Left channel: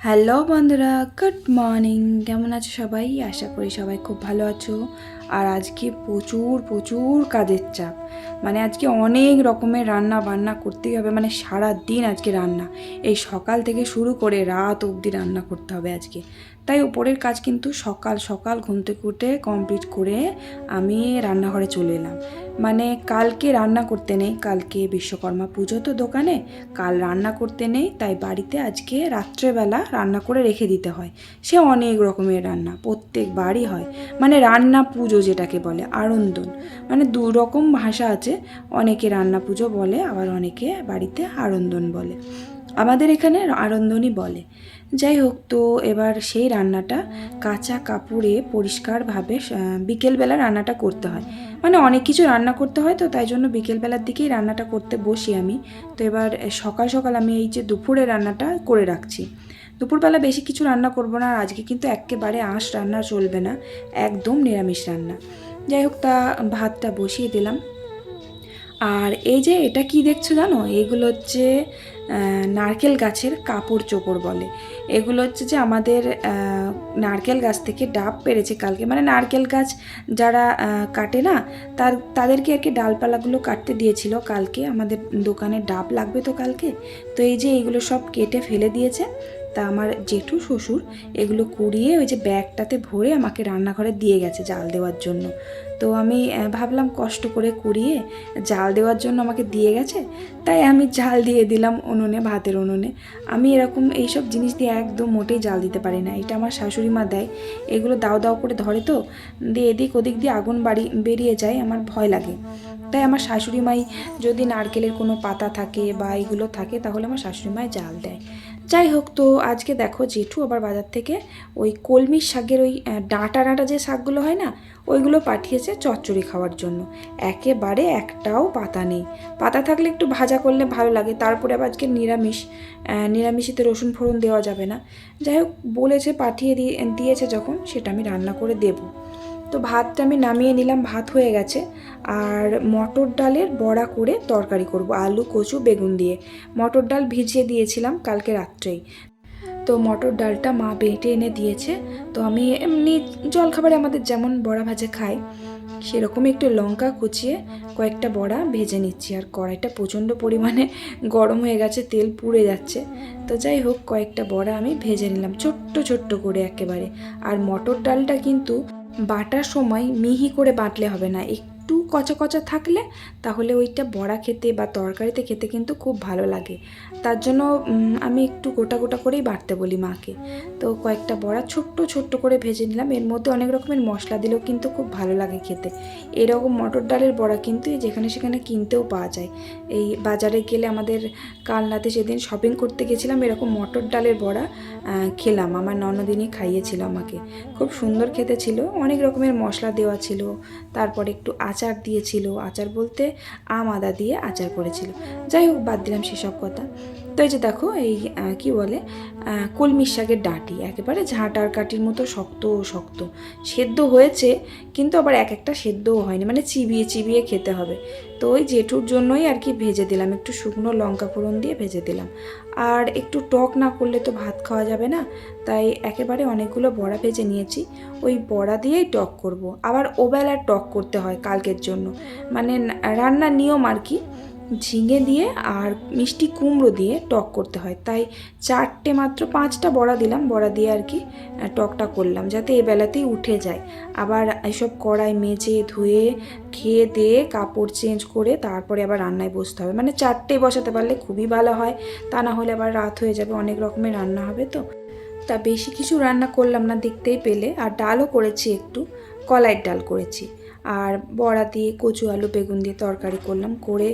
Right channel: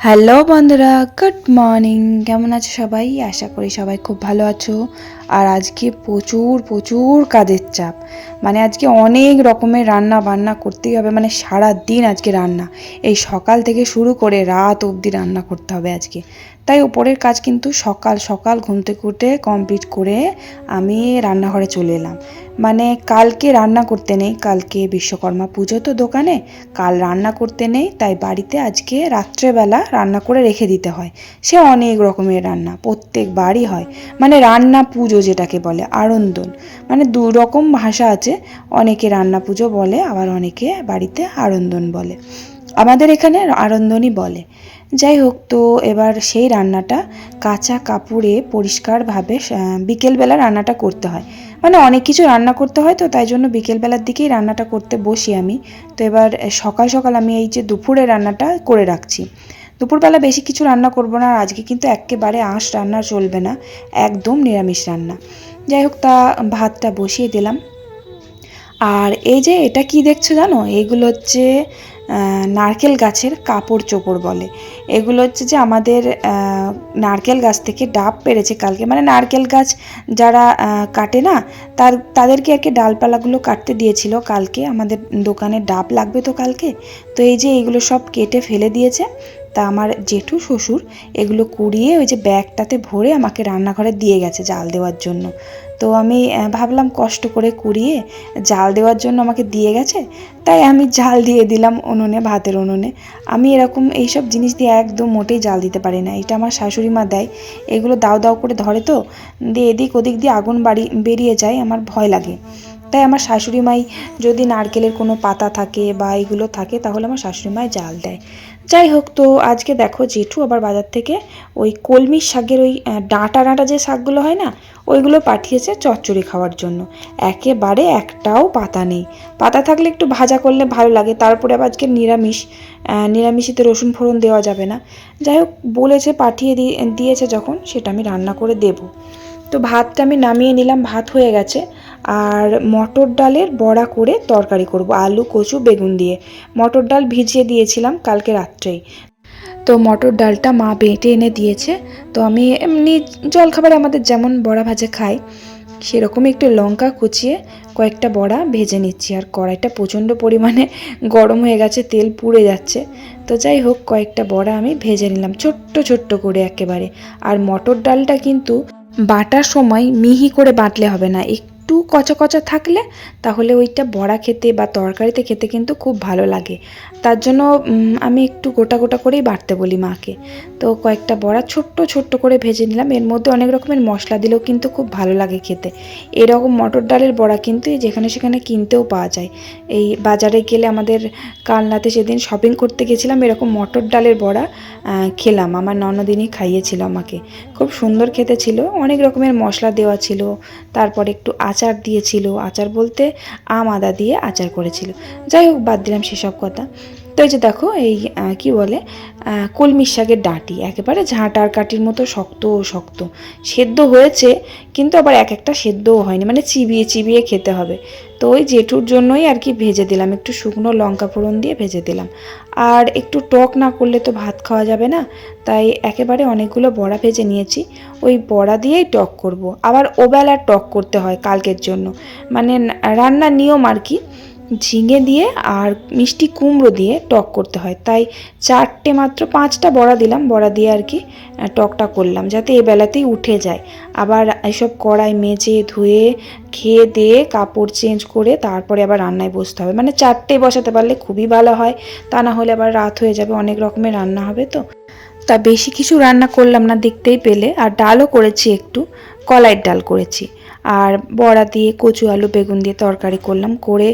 Hello বন্ধুরা, good morning. কেমন আছো সবাই? আশা করি সবাই খুব ভালো আছো। আর আজকে প্রচুর প্রচুর কাজের চাপ। মানে আজকে অনেক রকমের রান্না বান্না করতেই হবে। মানে সারা দিন আজকে রান্না। এই সকাল থেকে শুরু করে রাত অবধি রান্না করতে হবে আজকে। তাই ওপরের কাজ কিন্তু সকাল সকাল ঘুম থেকে কমপ্লিট করে আমি রান্নাঘরে চলে এলাম। মানে কালকে রান্না করতে নেই, কালকে বিশ্বকর্মা পুজো তো দোকানে, কাল রান্না করতে নেই, তাই বাড়িতে আজকে রাত্রেবেলা রান্না করে রেখে দিতে হয়। সে অনেক রকমের রান্না, প্রত্যেক বাড়ি হয়। মানে রান্না পুজো যেটাকে বলে আড়ন্দন মানে দু রকম ভাষা আছে, অনেকে রান্না পুজো বলে, আবার অনেকে বাড়িতে আড়ন্দন বলে। আমাদের এখানে আড়ন্দনই বলে। যাই হোক, তো এবার সেই রান্নাটা কাঁচা কাপড়ে পরিষ্কারভাবে বিকেলবেলা রান্নাটা করতে হয়। মানে অনেক কিছু রান্না করতে হয় তো, তাই জন্য বিকেলবেলার দিকেই রান্নাটা করতে বসি আমি। তো এবার সকাল সকাল আমি এই যে দুপুরে রান্নাটা করে রাখছি। দুপুরবেলা বেশি কিছু রান্না করব না, আর আজকে কিন্তু একেবারে আঁশ রান্না চলবে না, একদম নিরামিষ রান্না। যাই হোক, তা ভাতটা বসিয়ে দিলাম। আর এই যে এটা কি দেখছ জানো? এগুলো হচ্ছে নারকেল গাছের কাপড় চোপড় বলে। এগুলো হচ্ছে যে আমাদের নারকেল গাছ থেকে ডাব পেরেছে কালকে। মানে নারকেল গাছ যারা কাটে না, তার, তাদেরকে আর কি ডালপালাগুলো কাটতে দিয়েছিল কালকে। আমাদের দোকানে ডাব লাগবে তো কালকে। তো এই যে এগুলো সব কেটে ফেলে দিয়েছে। তা আমার জেঠু শ্বশুর এগুলো কুড়িয়ে ওই যে ব্যাগটাতে ভরে আমাকে রান্নাঘরে দিয়ে গেছে জাল দেওয়ার জন্য। তো আমি ভাবলাম কষ্ট করে কুড়িয়ে জাল দেওয়ার জন্য আমাকে দিয়ে গেছে, তাই আমি জাল দিয়ে দিলাম উনুনে, ভাতের উনুনে। আমি এরকম এইসব জিনিস দিয়ে একদম মোটেই জাল দিতে পারি না। এটা আমার শাশুড়ি মা দেয়। এগুলো দাও দাও করে ধরে তো, দিয়ে এদিক ওদিক দিয়ে আগুন বাড়ি, বেরিয়ে যায়, আমার ভয় লাগে। তাই আমার শাশুড়ি মাই যদি নারকেলের কোনো পাতা থাকে বা এগুলো থাকে, তাহলে আমার শাশুড়ি মাই জাল দেয়। যাই হোক তো আজকে দেখো জেঠু আবার বাজার থেকে ওই কলমির শাকের ওই ডাঁটা ডাঁটা যে শাকগুলো হয় না, ওইগুলো পাঠিয়েছে চচ্চড়ি খাওয়ার জন্য। একেবারে একটাও পাতা নেই। পাতা থাকলে একটু ভাজা করলে ভালো লাগে, তারপরে আবার আজকে নিরামিষ নিরামিষিতে রসুন ফোড়ন দেওয়া যাবে না। যাই হোক বলেছে পাঠিয়ে দিয়ে দিয়েছে যখন, সেটা আমি রান্না করে দেবো। তো ভাতটা আমি নামিয়ে নিলাম, ভাত হয়ে গেছে। আর মটর ডালের বড়া করে তরকারি করব, আলু, কচু, বেগুন দিয়ে। মটর ডাল ভিজিয়ে দিয়েছিলাম কালকে রাত্রেই। তো মটর ডালটা মা বেটে এনে দিয়েছে। তো আমি এমনি জলখাবারে আমাদের যেমন বড়া ভাজা খাই সেরকম একটু লঙ্কা কুচিয়ে কয়েকটা বড়া ভেজে নিচ্ছি। আর কড়াইটা প্রচণ্ড পরিমাণে গরম হয়ে গেছে, তেল পুড়ে যাচ্ছে। তো যাই হোক, কয়েকটা বড়া আমি ভেজে নিলাম, ছোট্ট ছোট্ট করে একেবারে। আর মটর ডালটা কিন্তু বাটার সময় মিহি করে বাটলে হবে না, একটু কচা কচা থাকলে তাহলে ওইটা বড়া খেতে বা তরকারিতে খেতে কিন্তু খুব ভালো লাগে। তার জন্য আমি একটু গোটা গোটা করেই বাটতে বলি মাকে। তো কয়েকটা বড়া ছোট্ট ছোট্ট করে ভেজে নিলাম। এর মধ্যে অনেক রকমের মশলা দিলেও কিন্তু খুব ভালো লাগে খেতে। এরকম মটর ডালের বড়া কিন্তু যেখানে সেখানে কিনতেও পাওয়া যায়। এই বাজারে গেলে আমাদের কালনাতে সেদিন শপিং করতে গেছিলাম, এরকম মটর ডালের বড়া খেলাম। আমার ননদিনই খাইয়েছিল আমাকে। খুব সুন্দর খেতে ছিল। অনেক রকমের মশলা দেওয়া ছিল। তারপর একটু আচার দিয়েছিল। আচার বলতে আম আদা দিয়ে আচার করেছিল। যাই হোক, বাদ দিলাম সেসব কথা। তো এই যে দেখো এই কি বলে আহ, কলমির শাকের ডাঁটি একেবারে ঝাঁটার কাঠির মতো শক্ত শক্ত। সেদ্ধ হয়েছে কিন্তু আবার এক একটা সেদ্ধও হয়নি মানে চিবিয়ে চিবিয়ে খেতে হবে। তো ওই জেঠুর জন্যই আর কি ভেজে দিলাম একটু শুকনো লঙ্কা ফোড়ন দিয়ে ভেজে দিলাম। আর একটু টক না করলে তো ভাত খাওয়া যাবে না তাই একেবারে অনেকগুলো বড়া ভেজে নিয়েছি। ওই বড়া দিয়েই টক করব। আবার ওবেলার টক করতে হয় কালকের জন্য। মানে রান্নার নিয়ম আর কি ঝিঙে দিয়ে আর মিষ্টি কুমড়ো দিয়ে টক করতে হয়। তাই চারটে মাত্র পাঁচটা বড়া দিলাম, বড়া দিয়ে আর কি টকটা করলাম যাতে এ বেলাতেই উঠে যায়। আবার এসব কড়াই মেজে ধুয়ে, খেয়ে দিয়ে কাপড় চেঞ্জ করে তারপরে আবার রান্নায় বসতে হবে। মানে চারটে বসাতে পারলে খুবই ভালো হয়, তা না হলে আবার রাত হয়ে যাবে, অনেক রকমের রান্না হবে তো। তা বেশি কিছু রান্না করলাম না, দেখতেই পেলে। আর ডালও করেছি একটু, কলাইয়ের ডাল করেছি। আর বড়া দিয়ে কচু, আলু, বেগুন দিয়ে তরকারি করলাম। করে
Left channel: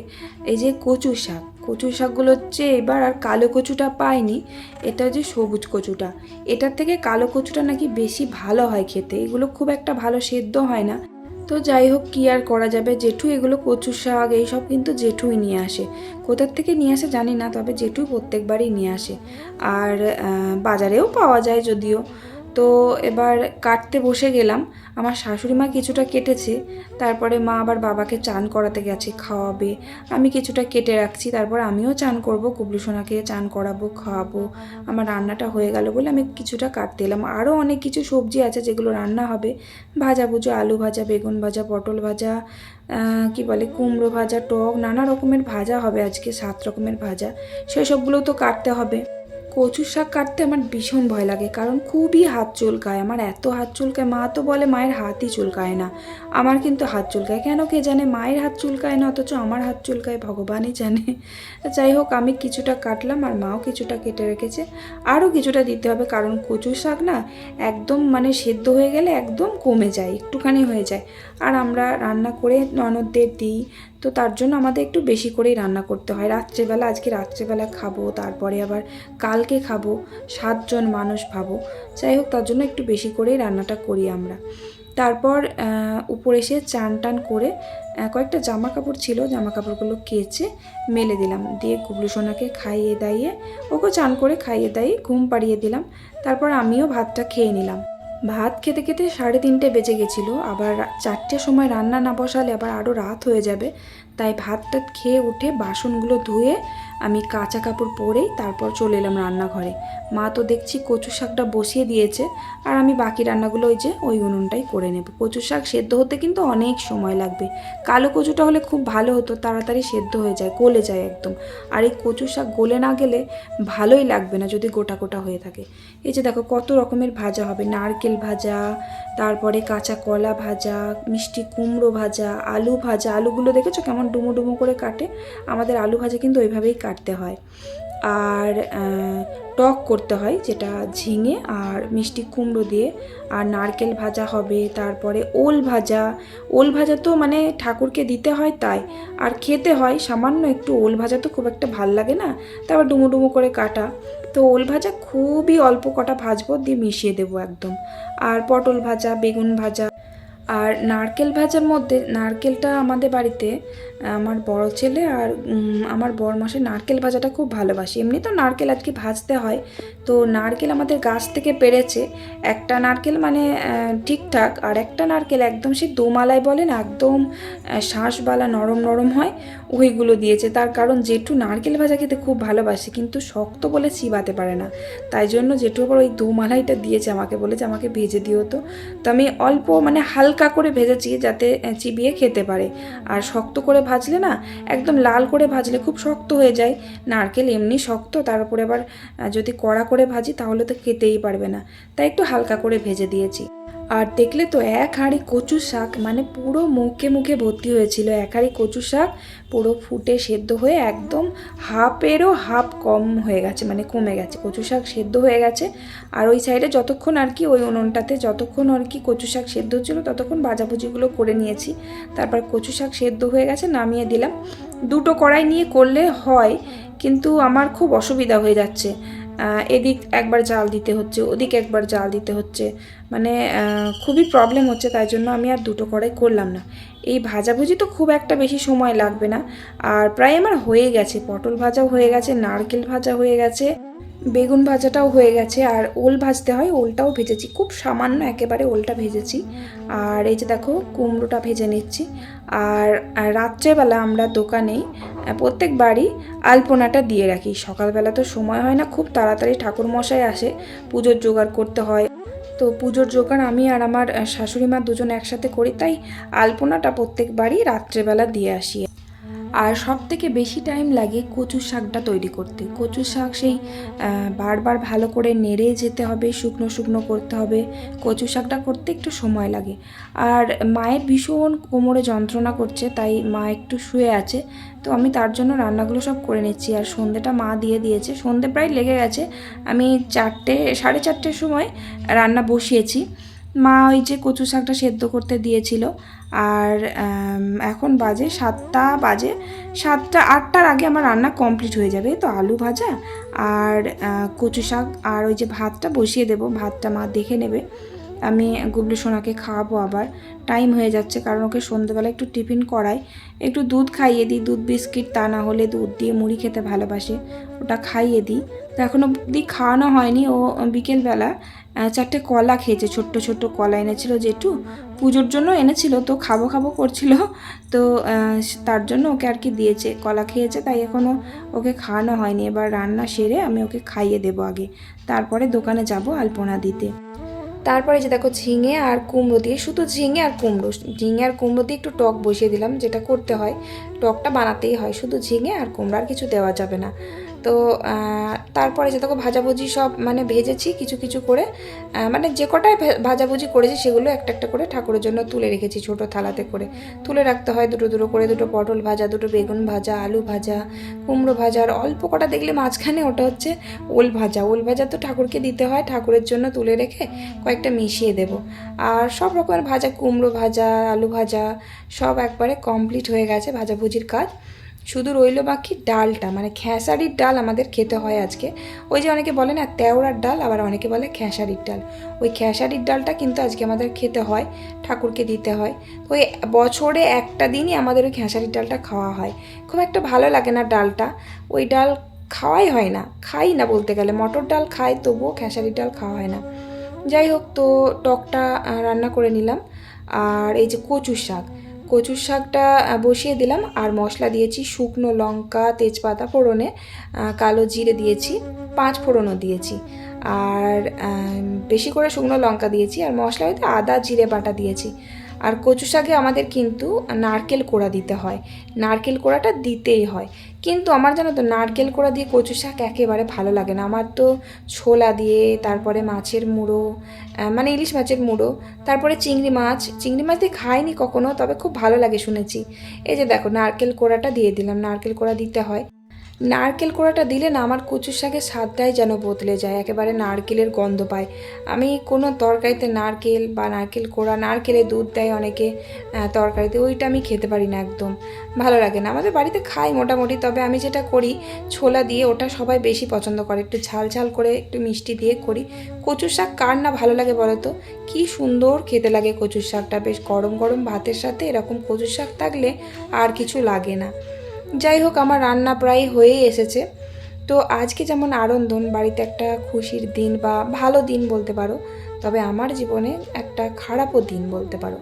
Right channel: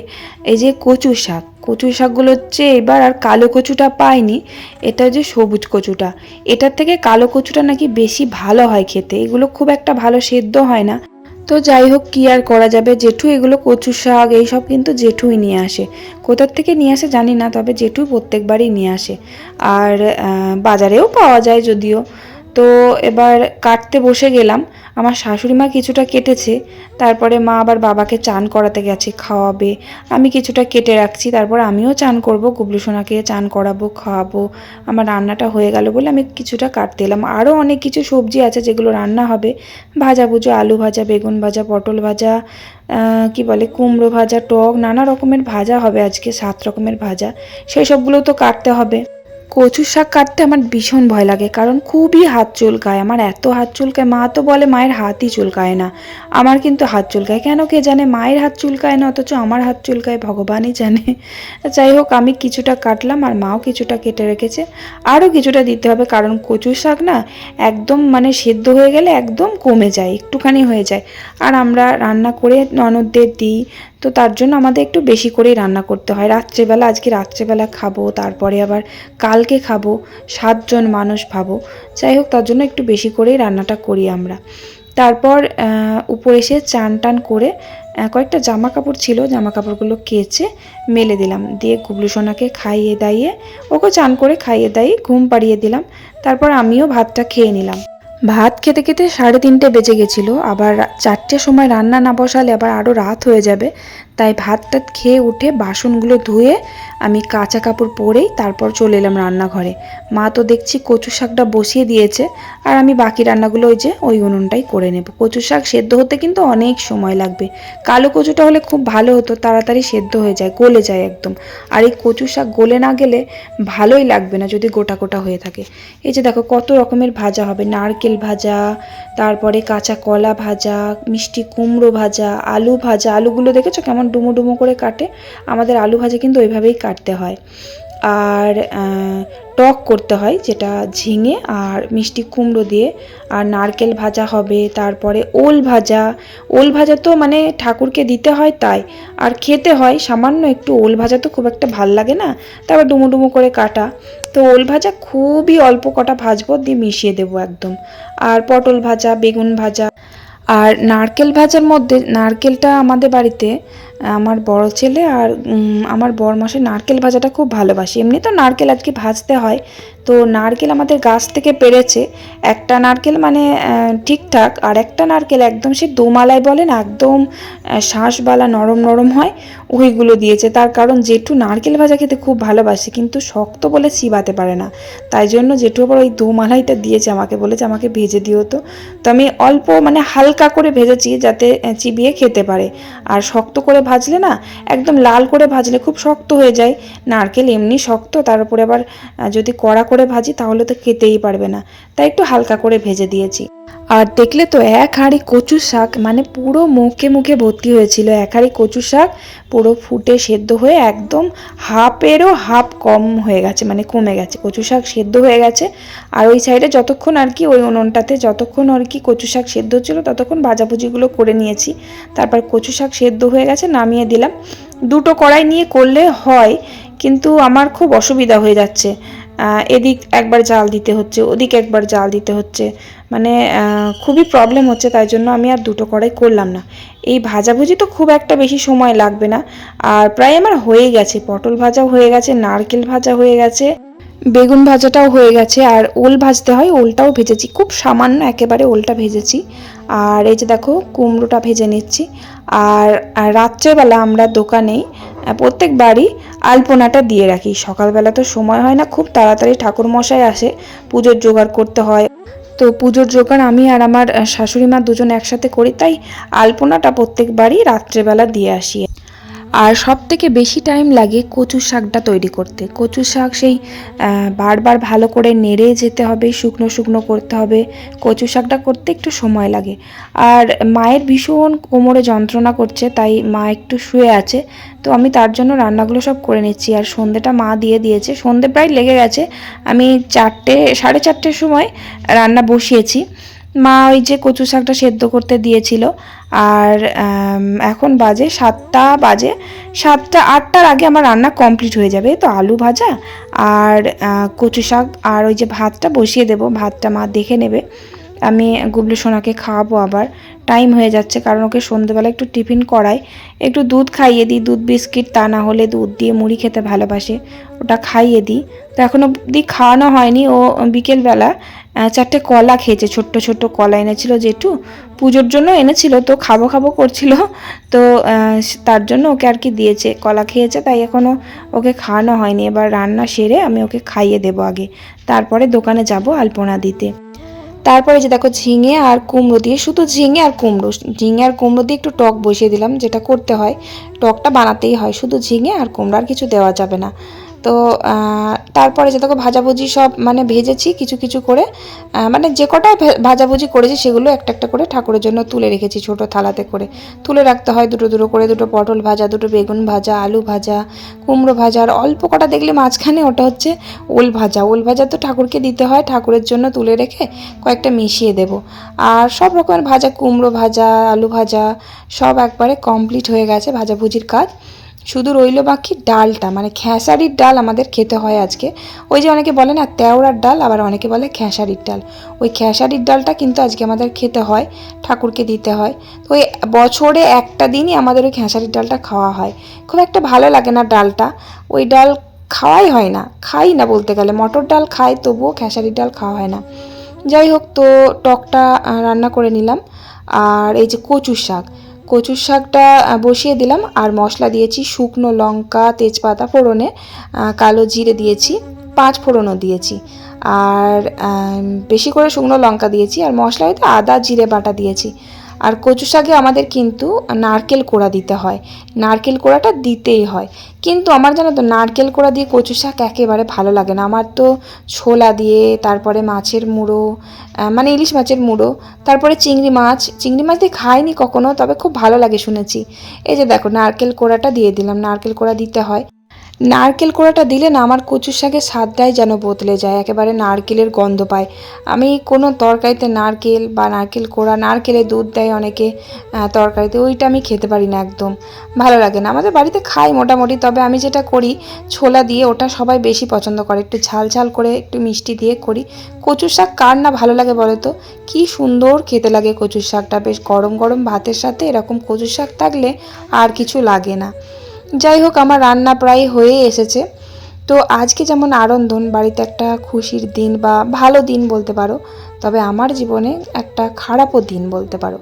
এই যে কচু শাক, কচু শাকগুলো হচ্ছে এবার আর কালো কচুটা পাইনি, এটা হচ্ছে সবুজ কচুটা। এটার থেকে কালো কচুটা নাকি বেশি ভালো হয় খেতে, এগুলো খুব একটা ভালো সেদ্ধ হয় না। তো যাই হোক, কি আর করা যাবে? জেঠু এগুলো কচু শাক, এইসব কিন্তু জেঠুই নিয়ে আসে। কোথার থেকে নিয়ে আসে জানি না, তবে জেঠু প্রত্যেকবারই নিয়ে আসে। আর বাজারেও পাওয়া যায় যদিও। তো এবার কাটতে বসে গেলাম। আমার শাশুড়ি মা কিছুটা কেটেছে, তারপরে মা আবার বাবাকে চান করাতে গেছে, খাওয়াবে। আমি কিছুটা কেটে রাখছি, তারপর আমিও চান করব গুবলু সোনাকে চান করাবো, খাওয়াবো। আমার রান্নাটা হয়ে গেল বলে আমি কিছুটা কাটতে এলাম। আরও অনেক কিছু সবজি আছে যেগুলো রান্না হবে। ভাজা ভুজো আলু ভাজা, বেগুন ভাজা, পটল ভাজা কি বলে, কুমড়ো ভাজা, টক, নানা রকমের ভাজা হবে আজকে, সাত রকমের ভাজা। সেই সবগুলো তো কাটতে হবে। কচু শাক কাটতে আমার ভীষণ ভয় লাগে, কারণ খুবই হাত চুলকায়। আমার এত হাত চুলকায়, মা তো বলে মায়ের হাতই চুলকায় না। আমার কিন্তু হাত চুলকায়। কেন কে জানে, মায়ের হাত চুলকায় না, অথচ আমার হাত চুলকায়, ভগবানই জানে। যাই হোক, আমি কিছুটা কাটলাম আর মাও কিছুটা কেটে রেখেছে। আরও কিছুটা দিতে হবে, কারণ কচু শাক না একদম মানে সেদ্ধ হয়ে গেলে একদম কমে যায়, একটুখানি হয়ে যায়। আর আমরা রান্না করে ননদদের দিই তো তার জন্য আমাদের একটু বেশি করেই রান্না করতে হয়। রাত্রেবেলা, আজকে রাত্রেবেলা খাব, তারপরে আবার কালকে খাব, সাতজন মানুষ ভাবো। যাই হোক, তার জন্য একটু বেশি করেই রান্নাটা করি আমরা। তারপর উপরে এসে চান টান করে কয়েকটা জামা কাপড় ছিল জামা কাপড়গুলো কেচে মেলে দিলাম। দিয়ে গুবলু সোনাকে খাইয়ে দাইয়ে, ওকে চান করে খাইয়ে দাইয়ে ঘুম পাড়িয়ে দিলাম। তারপর আমিও ভাতটা খেয়ে নিলাম। ভাত খেতে খেতে সাড়ে তিনটে বেজে গেছিল, আবার চারটের সময় রান্না না বসালে আবার আরও রাত হয়ে যাবে, তাই ভাতটা খেয়ে উঠে বাসনগুলো ধুয়ে আমি কাঁচা কাপড় পরেই তারপর চলে এলাম রান্নাঘরে। মা তো দেখছি কচু শাকটা বসিয়ে দিয়েছে আর আমি বাকি রান্নাগুলো ওই যে ওই উনুনটাই করে নেব। কচু শাক সেদ্ধ হতে কিন্তু অনেক সময় লাগবে। কালো কচুটা হলে খুব ভালো হতো, তাড়াতাড়ি সেদ্ধ হয়ে যায়, গলে যায় একদম। আর এই কচু শাক গলে না গেলে ভালোই লাগবে না যদি গোটা গোটা হয়ে থাকে। এই যে দেখো কত রকমের ভাজা হবে, নারকেল ভাজা, তারপরে কাঁচা কলা ভাজা, মিষ্টি কুমড়ো ভাজা, আলু ভাজা, আলুগুলো দেখেছ কেমন ডুমো ডুমো করে কাটে? আমাদের আলু ভাজা কিন্তু ওইভাবেই কাটতে হয়। আর টক করতে হয় যেটা ঝিঙে আর মিষ্টি কুমড়ো দিয়ে। আর নারকেল ভাজা হবে, তারপরে ওল ভাজা। ওল ভাজা তো মানে ঠাকুরকে দিতে হয় তাই। আর খেতে হয়, সামান্য একটু ওল ভাজা তো খুব একটা ভালো লাগে না। তারপর ডুমো ডুমো করে কাটা। তো ওল ভাজা খুবই অল্প কটা ভাজবো, দিয়ে মিশিয়ে দেবো একদম। আর পটল ভাজা, বেগুন ভাজা। আর নারকেল ভাজার মধ্যে, নারকেলটা আমাদের বাড়িতে আমার বড় ছেলে আর আমার বড় মাসে নারকেল ভাজাটা খুব ভালোবাসি। এমনি তো নারকেল আজকে ভাজতে হয়। তো নারকেল আমাদের গাছ থেকে পেরেছে। একটা নারকেল মানে ঠিকঠাক। আর একটা নারকেল একদম সে দোমালায় বলে না একদম আহ, শাঁসবালা নরম নরম হয় ওইগুলো দিয়েছে। তার কারণ জেঠু নারকেল ভাজা খেতে খুব ভালোবাসে কিন্তু শক্ত বলে চিবাতে পারে না। তাই জন্য জেঠু আবার ওই দোমালাইটা দিয়েছে আমাকে বলেছে আমাকে ভেজে দিও তো। আমি অল্প মানে হালকা করে ভেজেছি যাতে চিবিয়ে খেতে পারে। আর শক্ত করে ভাজলে না একদম লাল করে ভাজলে খুব শক্ত হয়ে যায়। নারকেল এমনি শক্ত, তার উপরে আবার যদি কড়া করে ভাজি তাহলে তো খেতেই পারবে না। তাই একটু হালকা করে ভেজে দিয়েছি। আর দেখলে তো এক হাঁড়ি কচু শাক মানে পুরো মুখে মুখে ভর্তি হয়েছিল। এক হাঁড়ি কচু শাক পুরো ফুটে সেদ্ধ হয়ে একদম হাফেরও হাফ কম হয়ে গেছে মানে কমে গেছে। কচু শাক সেদ্ধ হয়ে গেছে। আর ওই সাইডে যতক্ষণ আর কি ওই উনুনটাতে যতক্ষণ আর কি কচু শাক সেদ্ধ হচ্ছিল ততক্ষণ ভাজাভুজিগুলো করে নিয়েছি। তারপর কচু শাক সেদ্ধ হয়ে গেছে, নামিয়ে দিলাম। দুটো কড়াই নিয়ে করলে হয়, কিন্তু আমার খুব অসুবিধা হয়ে যাচ্ছে। এদিক একবার জাল দিতে হচ্ছে, ওদিক একবার জাল দিতে হচ্ছে। মানে খুবই প্রবলেম হচ্ছে, তাই জন্য আমি আর দুটো কড়াই করলাম না। এই ভাজাভুজি তো খুব একটা বেশি সময় লাগবে না। আর প্রায় আমার হয়ে গেছে, পটল ভাজা হয়ে গেছে, নারকেল ভাজা হয়ে গেছে। বেগুন ভাজাটাও হয়ে গেছে, আর ওল ভাজতে হয়, ওলটাও ভেজেছি। খুব সামান্য একেবারে ওলটা ভেজেছি। আর এই যে দেখো, কুমড়োটা ভেজে নিচ্ছি। আর রাত্রেবেলা আমরা দোকানেই প্রত্যেক বাড়ি আলপনাটা দিয়ে রাখি। সকালবেলা তো সময় হয় না, খুব তাড়াতাড়ি ঠাকুর মশাই আসে, পুজোর জোগাড় করতে হয়। তো পুজোর জোগাড় আমি আর আমার শাশুড়ি মা দুজন একসাথে করি, তাই আলপনাটা প্রত্যেক বাড়ি রাত্রেবেলা দিয়ে আসি। আর সব থেকে বেশি টাইম লাগে কচু শাকটা তৈরি করতে। কচু শাক সেই বারবার ভালো করে নেড়ে যেতে হবে, শুকনো শুকনো করতে হবে। কচু শাকটা করতে একটু সময় লাগে। আর মায়ের ভীষণ কোমরে যন্ত্রণা করছে, তাই মা একটু শুয়ে আছে। তো আমি তার জন্য রান্নাগুলো সব করে নিচ্ছি। আর সন্ধেটা মা দিয়ে দিয়েছে। সন্ধে প্রায় লেগে গেছে। আমি চারটে, সাড়ে চারটের সময় রান্না বসিয়েছি। মা ওই যে কচু শাকটা সেদ্ধ করতে দিয়েছিল। আর এখন বাজে সাতটা বাজে। সাতটা, আটটার আগে আমার রান্না কমপ্লিট হয়ে যাবে, তো আলু ভাজা আর কচু শাক আর ওই যে ভাতটা বসিয়ে দেবো, ভাতটা মা দেখে নেবে। আমি গুবলু সোনাকে খাওয়াবো আবার, টাইম হয়ে যাচ্ছে কারণ ওকে সন্ধেবেলা একটু টিফিন করাই। একটু দুধ খাইয়ে দিই, দুধ, বিস্কিট, তা না হলে দুধ দিয়ে মুড়ি খেতে ভালোবাসে, ওটা খাইয়ে দিই। তো এখনও অবধি খাওয়ানো হয়নি, ও বিকেলবেলা চারটে কলা খেয়েছে, ছোট্ট ছোট্ট কলা এনেছিল জেঠু। পুজোর জন্য এনেছিল, তো খাব খাব করছিল। তো তার জন্য ওকে আর কি দিয়েছে, কলা খেয়েছে, তাই এখনও ওকে খাওয়ানো হয়নি। এবার রান্না সেরে আমি ওকে খাইয়ে দেবো আগে। তারপরে দোকানে যাব আলপনা দিতে। তারপরে যে দেখো ঝিঙে আর কুমড়ো দিয়ে, শুধু ঝিঙে আর কুমড়ো, ঝিঙে আর কুমড়ো দিয়ে একটু টক বসিয়ে দিলাম, যেটা করতে হয়। টকটা বানাতেই হয়, শুধু ঝিঙে আর কুমড়ো, আর কিছু দেওয়া যাবে না। তো তারপরে যে দেখো ভাজাভুজি সব মানে ভেজেছি কিছু কিছু করে মানে যে কটাই ভাজাভুজি করেছি সেগুলো একটা একটা করে ঠাকুরের জন্য তুলে রেখেছি ছোট থালাতে করে। তুলে রাখতে হয় দুটো দুটো করে, দুটো পটল ভাজা, দুটো বেগুন ভাজা, আলু ভাজা, কুমড়ো ভাজা, আর অল্প কটা দেখলে মাঝখানে ওটা হচ্ছে ওল ভাজা। ওল ভাজা তো ঠাকুরকে দিতে হয়, ঠাকুরের জন্য তুলে রেখে কয়েকটা মিশিয়ে দেব। আর সব রকমের ভাজা, কুমড়ো ভাজা, আলু ভাজা সব একবারে কমপ্লিট হয়ে গেছে ভাজাভুজির কাজ। শুধু রইল বাকি ডালটা মানে খেসারির ডাল আমাদের খেতে হয় আজকে। ওই যে অনেকে বলে না, তেওড়ার ডাল, আবার অনেকে বলে খেসারির ডাল। ওই খেসারির ডালটা কিন্তু আজকে আমাদের খেতে হয়, ঠাকুরকে দিতে হয়। তো ওই বছরে একটা দিনই আমাদের ওই খেসারির ডালটা খাওয়া হয়। খুব একটা ভালো লাগে না ডালটা। ওই ডাল খাওয়াই হয় না, খাই না বলতে গেলে। মটর ডাল খাই, তবুও খেসারির ডাল খাওয়া হয় না। যাই হোক, তো টকটা রান্না করে নিলাম। আর এই যে কচু শাক কচুর শাকটা বসিয়ে দিলাম। আর মশলা দিয়েছি শুকনো লঙ্কা, তেজপাতা ফোড়নে কালো জিরে দিয়েছি, পাঁচ ফোড়নও দিয়েছি। আর বেশি করে শুকনো লঙ্কা দিয়েছি। আর মশলা হয়তো আদা, জিরে বাটা দিয়েছি। আর কচু শাকে আমাদের কিন্তু নারকেল কোড়া দিতে হয়। নারকেল কোড়াটা দিতেই হয়। কিন্তু আমার জানো তো, নারকেল কোড়া দিয়ে কচু শাক একেবারে ভালো লাগে না। আমার তো ছোলা দিয়ে, তারপরে মাছের মুড়ো মানে ইলিশ মাছের মুড়ো, তারপরে চিংড়ি মাছ। চিংড়ি মাছ দিয়ে খাইনি কখনো, তবে খুব ভালো লাগে শুনেছি। এই যে দেখো, নারকেল কোড়াটা দিয়ে দিলাম। নারকেল কোড়া দিতে হয়। নারকেল কোড়াটা দিলে না আমার কচুর শাকের স্বাদটাই যেন বদলে যায়, একেবারে নারকেলের গন্ধ পায়। আমি কোনো তরকারিতে নারকেল বা নারকেল কোড়া নারকেলের দুধ দেয় অনেকে তরকারিতে, ওইটা আমি খেতে পারি না একদম। ভালো লাগে না, আমাদের বাড়িতে খাই মোটামুটি, তবে আমি যেটা করি, ছোলা দিয়ে ওটা সবাই বেশি পছন্দ করে, একটু ঝাল ঝাল করে একটু মিষ্টি দিয়ে করি। কচুর শাক কার না ভালো লাগে বলো তো? কী সুন্দর খেতে লাগে কচুর শাকটা, বেশ গরম গরম ভাতের সাথে এরকম কচুর শাক থাকলে আর কিছু লাগে না। যাই হোক আমার রান্না প্রায় হয়ে এসেছে। তো আজকে যেমন আনন্দন, বাড়িতে একটা খুশির দিন বা ভালো দিন বলতে পারো, তবে আমার জীবনে একটা খারাপও দিন বলতে পারো।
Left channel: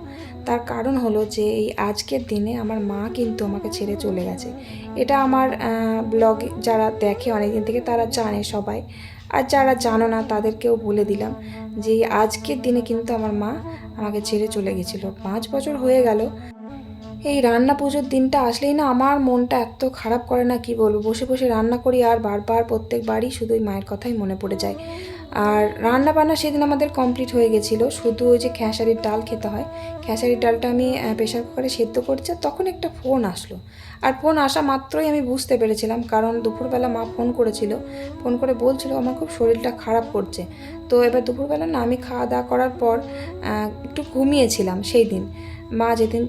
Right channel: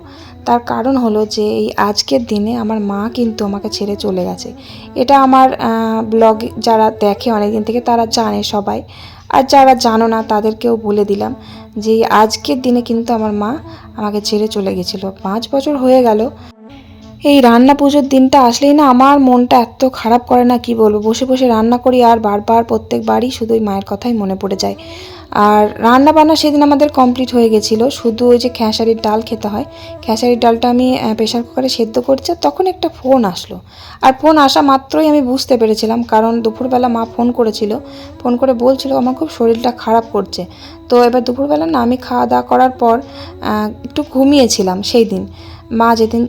তার কারণ হলো যে, এই আজকের দিনে আমার মা কিন্তু আমাকে ছেড়ে চলে গেছে। এটা আমার ব্লগ যারা দেখে অনেকদিন থেকে তারা জানে সবাই। আর যারা জানো না, তাদেরকেও বলে দিলাম যে আজকের দিনে কিন্তু আমার মা আমাকে ছেড়ে চলে গেছিল। পাঁচ বছর হয়ে গেল এই রান্না পুজোর দিনটা আসলেই না আমার মনটা এত খারাপ করে না, কি বলব? বসে বসে রান্না করি আর বারবার প্রত্যেকবারই শুধু মায়ের কথাই মনে পড়ে যায়। আর রান্না বান্না সেদিন আমাদের কমপ্লিট হয়ে গেছিল। শুধু ওই যে খেসারির ডাল খেতে হয়। খেসারির ডালটা আমি প্রেশার কুকারে সেদ্ধ করছি তখন একটা ফোন আসলো। আর ফোন আসা মাত্রই আমি বুঝতে পেরেছিলাম কারণ দুপুরবেলা মা ফোন করেছিল। ফোন করে বলছিল, আমার খুব শরীরটা খারাপ করছে। তো এবার দুপুরবেলা না আমি খাওয়া দাওয়া করার পর একটু ঘুমিয়েছিলাম সেই দিন। মা যেদিন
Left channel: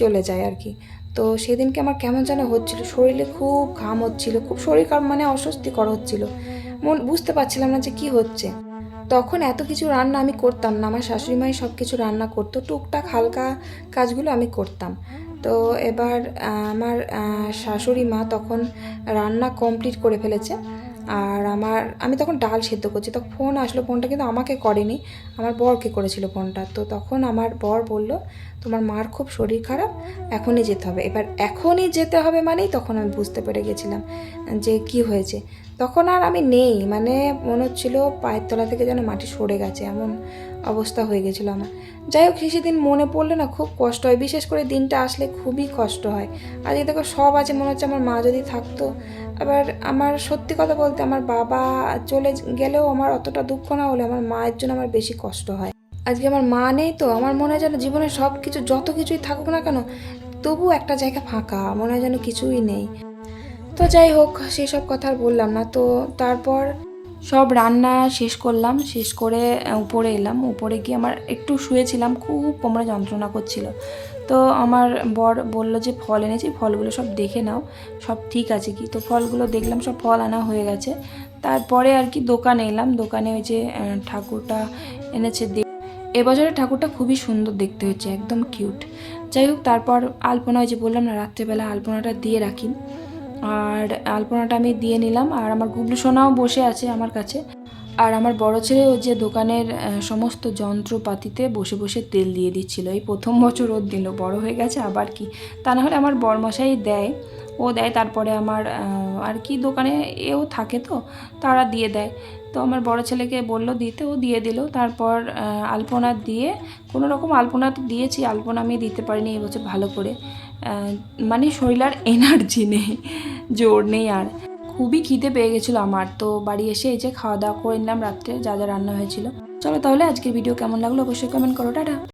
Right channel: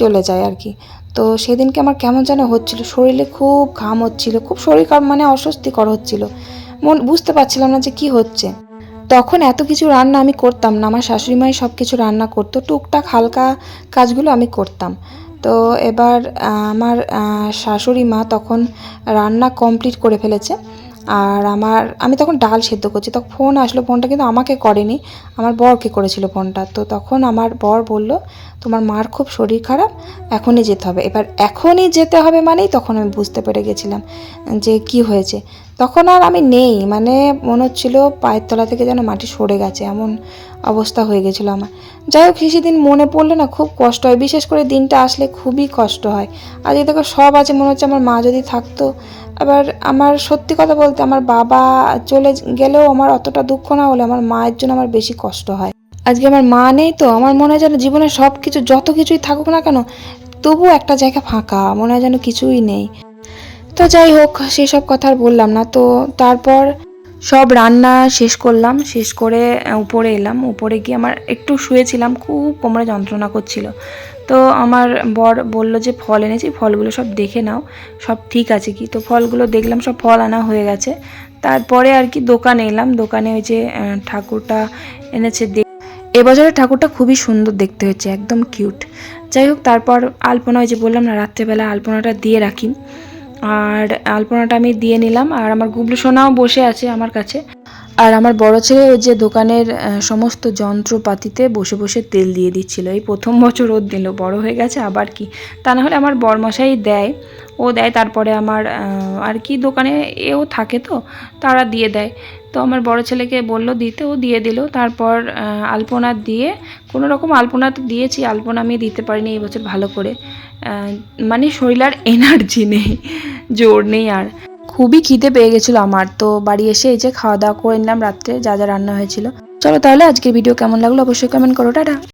চলে যায় আর কি। তো সেদিনকে আমার কেমন যেন হচ্ছিল, শরীরে খুব ঘাম হচ্ছিল, খুব শরীর মানে অস্বস্তিকর হচ্ছিল। মন, বুঝতে পারছিলাম না যে কি হচ্ছে। তখন এত কিছু রান্না আমি করতাম না, আমার শাশুড়ি মাই সব কিছু রান্না করতো, টুকটাক হালকা কাজগুলো আমি করতাম। তো এবার আমার শাশুড়ি মা তখন রান্না কমপ্লিট করে ফেলেছে। আর আমার, আমি তখন ডাল সেদ্ধ করছি, তখন ফোন আসলো, ফোনটা কিন্তু আমাকে করেনি, আমার বরকে করেছিল ফোনটা। তো তখন আমার বর বলল, তোমার মার খুব শরীর খারাপ, এখনই যেতে হবে। এবার এখনই যেতে হবে মানেই তখন আমি বুঝতে পেরে গেছিলাম যে কি হয়েছে। তখন আর আমি নেই মানে মনে হচ্ছিল পায়ের তলা থেকে যেন মাটি সরে গেছে, এমন অবস্থা হয়ে গেছিল আমার। যাই হোক, সেদিন মনে পড়লে না খুব কষ্ট হয়। বিশেষ করে দিনটা আসলে খুবই কষ্ট হয়। আর দেখো সব আছে, মনে হচ্ছে আমার মা যদি থাকতো। আবার আমার সত্যি কথা বলতে আমার বাবা চলে গেলেও আমার অতটা দুঃখ না হলে আমার মায়ের জন্য আমার বেশি কষ্ট হয়। আজকে আমার মা নেই তো, আমার মনে হয় যেন জীবনে সব কিছু যত কিছুই থাকুক না কেন, তবুও একটা জায়গা ফাঁকা, মনে হয় যেন কিছুই নেই। তো যাই হোক, সেসব কথা আর বললাম না। তো তারপর সব রান্না শেষ করলাম, শেষ করে উপরে এলাম। উপরে গিয়ে আমার একটু শুয়েছিলাম, খুব কোমরে যন্ত্রণা করছিল। তো আমার বর বলল যে, ফল এনেছি, ফলগুলো সব দেখে নাও, সব ঠিক আছে কি? তো ফলগুলো দেখলাম, সব ফল আনা হয়ে গেছে। তারপরে আর কি দোকানে এলাম। দোকানে ওই যে ঠাকুরটা এনেছে এবছরের ঠাকুরটা খুবই সুন্দর দেখতে হয়েছে, একদম কিউট। যাই হোক, তারপর আলপনা ওই যে বললাম না, রাত্রেবেলা আলপনাটা দিয়ে রাখি। আর আলপনাটা আমি দিয়ে নিলাম, আর আমার গুবলু সোনাও বসে আছে আমার কাছে। আর আমার বড় ছেলে ওই যে দোকানের সমস্ত যন্ত্রপাতিতে বসে বসে তেল দিয়ে দিচ্ছিল। এই প্রথম বছর ওর দিল বড় হয়ে গেছে, আবার কি? তা না হলে আমার বরমশাই দেয়, ও দেয়, তারপরে আমার আর কি দোকানে এও থাকে তো, তারা দিয়ে দেয়। তো আমার বড় ছেলেকে বলল দিতে, ও দিয়ে দিল। তারপর আলপনা দিয়ে, কোনো রকম আলপনা তো দিয়েছি, আলপনা আমি দিতে পারিনি এই বছর ভালো করে। মানে শরীর আর এনার্জি নেই, জোর নেই আর। খুবই খিদে পেয়ে গেছিল আমার, তো বাড়ি এসে এই যে খাওয়া দাওয়া করে নিলাম রাত্রে, যা যা রান্না হয়েছিল। চলো তাহলে আজকের ভিডিও কেমন লাগল অবশ্যই কমেন্ট করো, টাটা।